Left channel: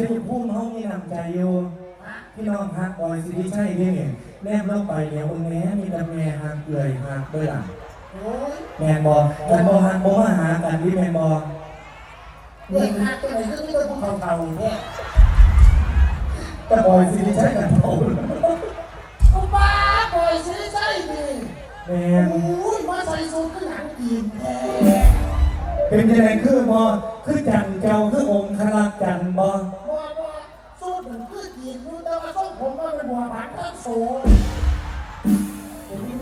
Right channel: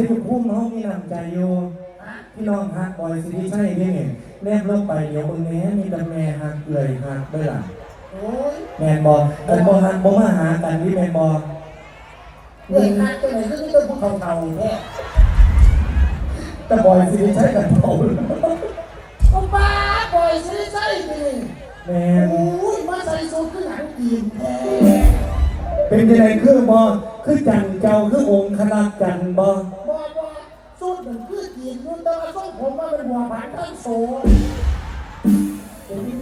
ชัยภูมิเขามีน้ำใจอยู่พี่น้องฮักบอยสิริชัยนี่เนี่ยแนบลงไปเดี๋ยวเอิ้งแม่มีแต่แม่ฮักเลยฮักเลยล่ะโอ้ยแม่นบอกแต่บ่ฮักบ่มาหากันที่แม่นบอกเด็กหักตัวไหนก็ไม่ต้องภูเขาเก่าเนี่ยแต่บอยสิริชัยกันโตเขาบ้าปล่อยซื้อใช่ไปเลยแม่นโอ้ยมาใส่สูทขึ้นหนังจีนแท้เป็นยังไงคือบ่คือจันเจ้าคือองค์คณะจันบ่ โซ่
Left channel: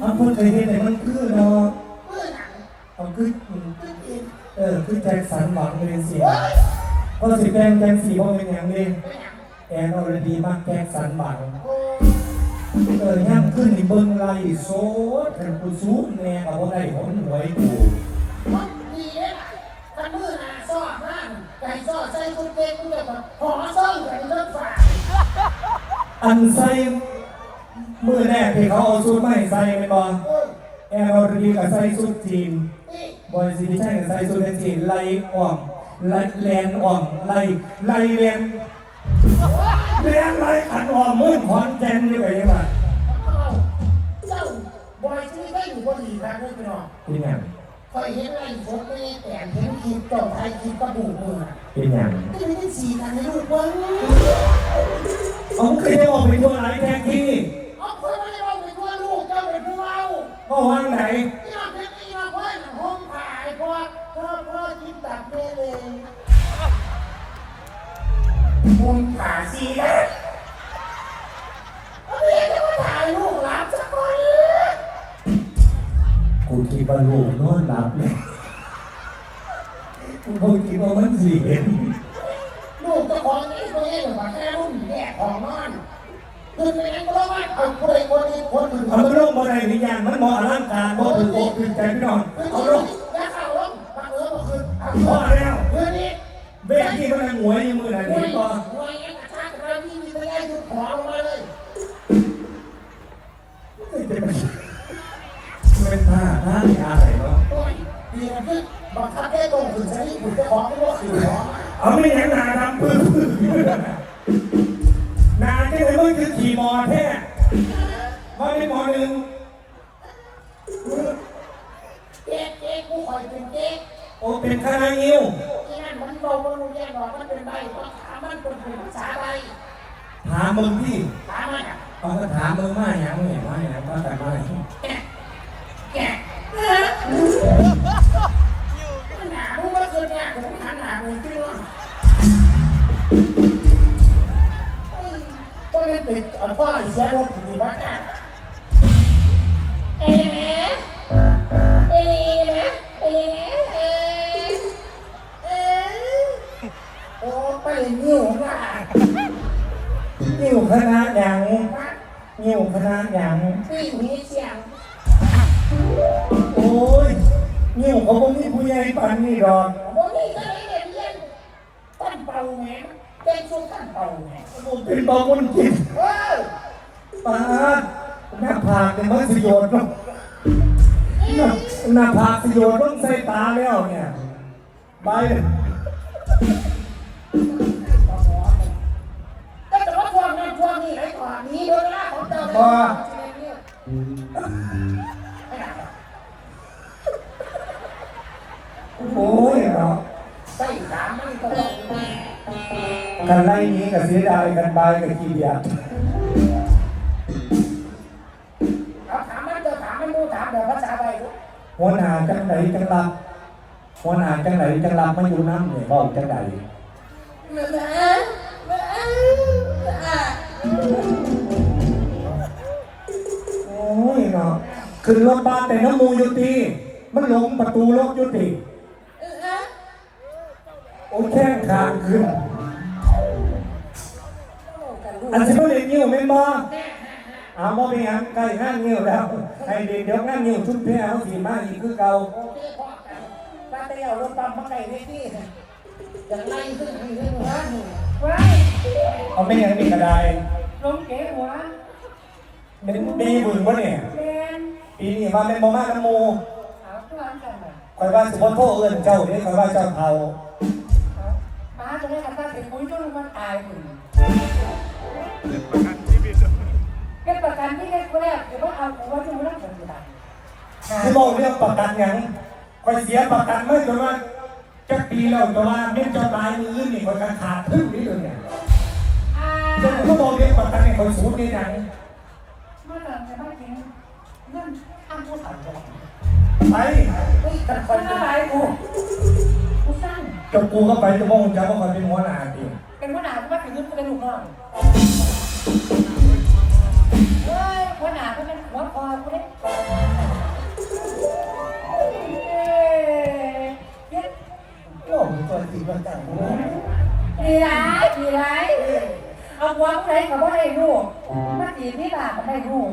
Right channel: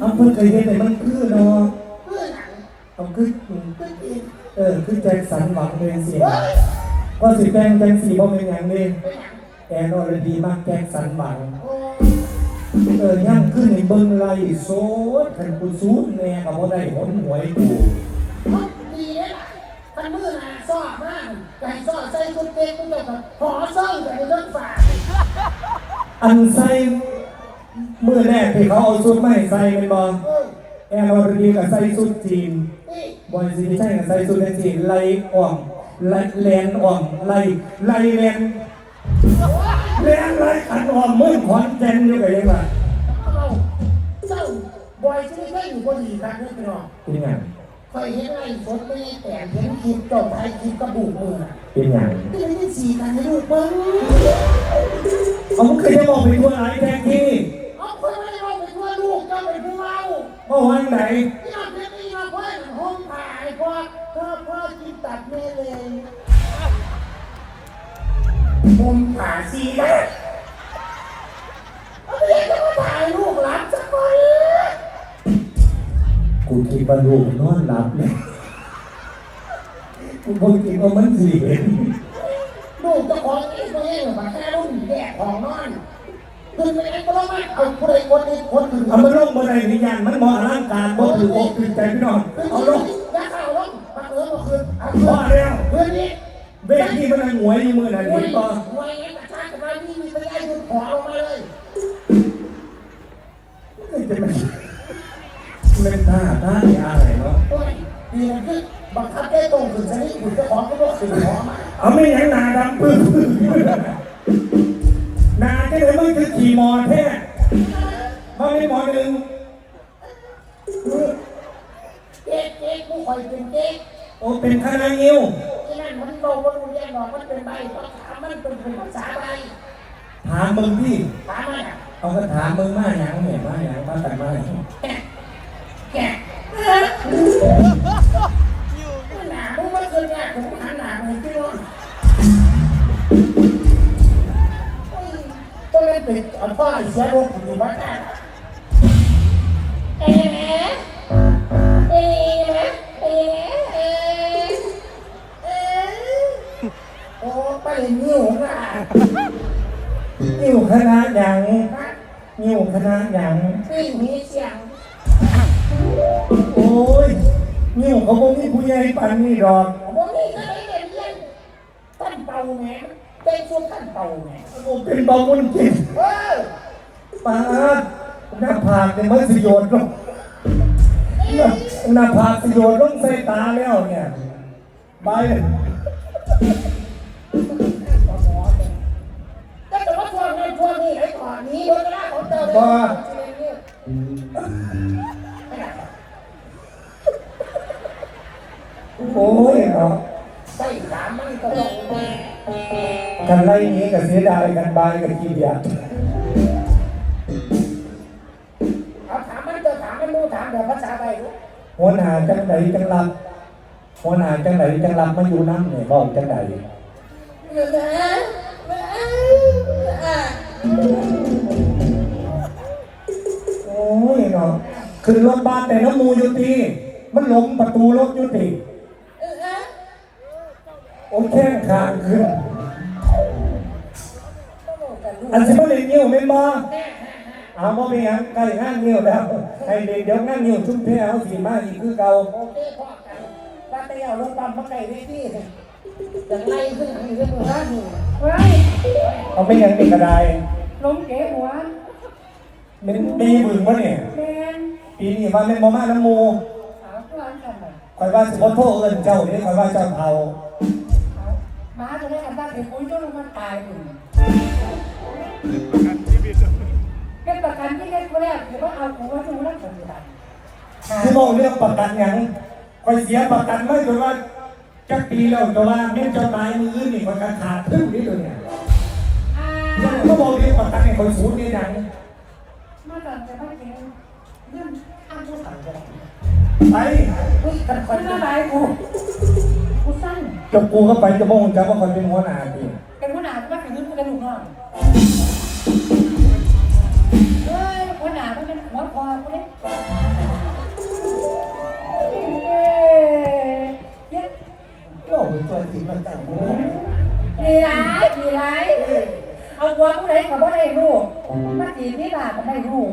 เอาพูดเคยเห็นเลยมันคือเนาะเพื่อหนังเอาคือพืชจีนเออคือแจ็คสันหวังเลยสิเฮ้ยว่าสิแกงแกงสีว่าเป็นอย่างนี้เป็นหนังแอนอรดีมากแจ็คสันหวังเออย่างขึ้นในเบิ้งไรโซดขันกูซูแน่เอาบ่ได้ผลหวยกูดีเลยล่ะมือหนาซอกร่างไก่ซอกใส่ชุดเด็กมันแบบขอเซิ่งกันเรื่องฝากอันใส่ ที่เขาเอาชุดมาให้ใส่เป็นบ่เออแอนอรดีก็ใส่ชุดจีนนี่บอยสิไม่ใช่กับใส่ชุดจีนไล่อ่อมไล่แลนอ่อมไล่ไล่แลนแลนไล่ขันอ่อมมืดขอนแก่นนี่ก็ยังไงเจ้าบอยช่วยได้อยู่คนดีนะด้วยไปหรอกเป็นอย่างเคยเห็นไอ้พวกนี้แต่เห็นคลิปเจ้าไทยคลิปกระดูกมือเป็นอย่างนี่ไม่ได้สีกันในรูปเบิ้งผมเคยจะออกไปทั่วหลายแท็กที่เเมื่อวันไหนที่เราเพียงนี้เราเพื่อนห้องถ่ายพ่อพ่อพ่อกินตับเละเลยมุมผ่าซีนะเอาเรียนจะมาถ่ายลูกหลานสักคนกูคิดว่าลูกนอนหลับเนี่ยกูบ่คิดว่ามันสิเห็นลูกเจ้าของเองตัวเองมาแค่รุ่นแย่ของนอน เองก็มาเอาเพื่อนคนนี้คนหนึ่งเอาไปลงบ่ได้นี่อย่างมันบ่อลังการบถืออกถือใจพี่น้องเอาลงแล้วเข้าลงมาเออมาคืนเอาบ่ลงแล้วเพื่อนนี้เวทีมันหวยอยู่มือนั่นไม่นี่บ่ไม่งั้นกระชากเราพี่มีตัวใหญ่คือขอลงมาเลยเป็นท่าท่าอะไรเนาะโอ้ยดีนะพี่บังคับได้ตรงถึงใช้หุ่นเจ้าของไม่ว่าคือของเอาไม่เห็นหน้าดำปื้อ หน้าที่เลยมันคือขี่มอแท้พอได้มอหนึ่งเจ๊กเจ๊กกูคอยเป็นเจ๊กโอ้เป็นคณะยิ้วที่นั่นมันบอกว่ารู้แย่หรอกมันเป็นใบเพราะถามมันเป็นภาษาใบถามมึงพี่ถามมันอะเอาก็ถามมึงมาอย่างเนี่ยมาอย่างมาแต่ไรแกะแกะหนามึงก็คือเนี่ยมึงหันหนามึงขึ้นรถก็ เลยปิดพ่อเสียรถอยู่บ้านอะเอ๊ะเอ๊ะแม่เอ๊ะเอ๊ะโอ้ไปนิ้วน่ะยิ้วคณะอย่างยิ้วคณะอย่างไม่มีเสียงโอ้ยยิ้วเขาบ่มีผู้ใหญ่ปันนี่หรอก โอ้ยเล่นเล่นเล่นท่า นเป่าแหงเป็นช่วงท่านเป่าแหงโอ้เป็นบองมุนจิตเออป้าหน้าผากเนี่ยมันสยนลงหน้าหน้าผากสิโยนลงใส่ตาแล้วเนี่ยไปก็จะมาทวงมันทวงนี่ไอ้ก่อนนี้เวลาของเจ้าป้าโอ้ยเนาะใส่ขามันก็การไล่นี้กับเสียดายกันบายกับขี้เดียจเอาถามมันเจอถามมันดูถามเดี๋ยวภาษาอะไรหัวหน้าจังไหนจังรับหัวหน้าจังไหนจังรับไมาอยู่น้ำเนี่ยบอกจังไหนโอ้ยเนาะคือรถบ้านแต่น้ำมูยู่ที่มันลงประตูรถยู่ที่โอ้แค่ขางขึ้น อันสิบ่ได้นิ้วเป็นบ่เอาบ่มีหยังใกล้ห้างนิ้วแล้วให้เดี๋ยวงานนิ้วชุดแพ้เอาสิมาอีกคือเก่าโอเคพ่อกันถ้าไปเอารถปั๊มข้างในได้ที่อย่างไรขึ้นขึ้นหัวหนูเอาไม่ให้มีกระไดน้องเก๋หัวเป็นปีบึงวะเนี่ยแกนปีนี้มาเป็นโมมาน้ำมูสาวกลางกันคอยว่าสิขอโทษเอิญเจ้าไม่ได้คอยว่าเจ้าเผา ที่บอกเรื่องประกันหยังไปเสียประกันไม่ถือว่าจักปีแล้วก็ว่าเม่นจดหมายมือนี่มันก็ขาดทึ่งนี่เลยเนี่ยอ่าคนเขาบอกเรื่องประกันในคนสูงนี่หนังมาแต่ไม่เก่งเรื่องอ้างผู้สั่งจะบอกไปคุณอะไรกูกูสั้นจบกูเข้าไปจะมองจะว่ามันเป็นหัวหน้าจริงเป็นขนาดว่าถึงกระดูกอ่อนเวงเลยเขาไม่ให้ลูกมาตีพี่หลานให้ลูก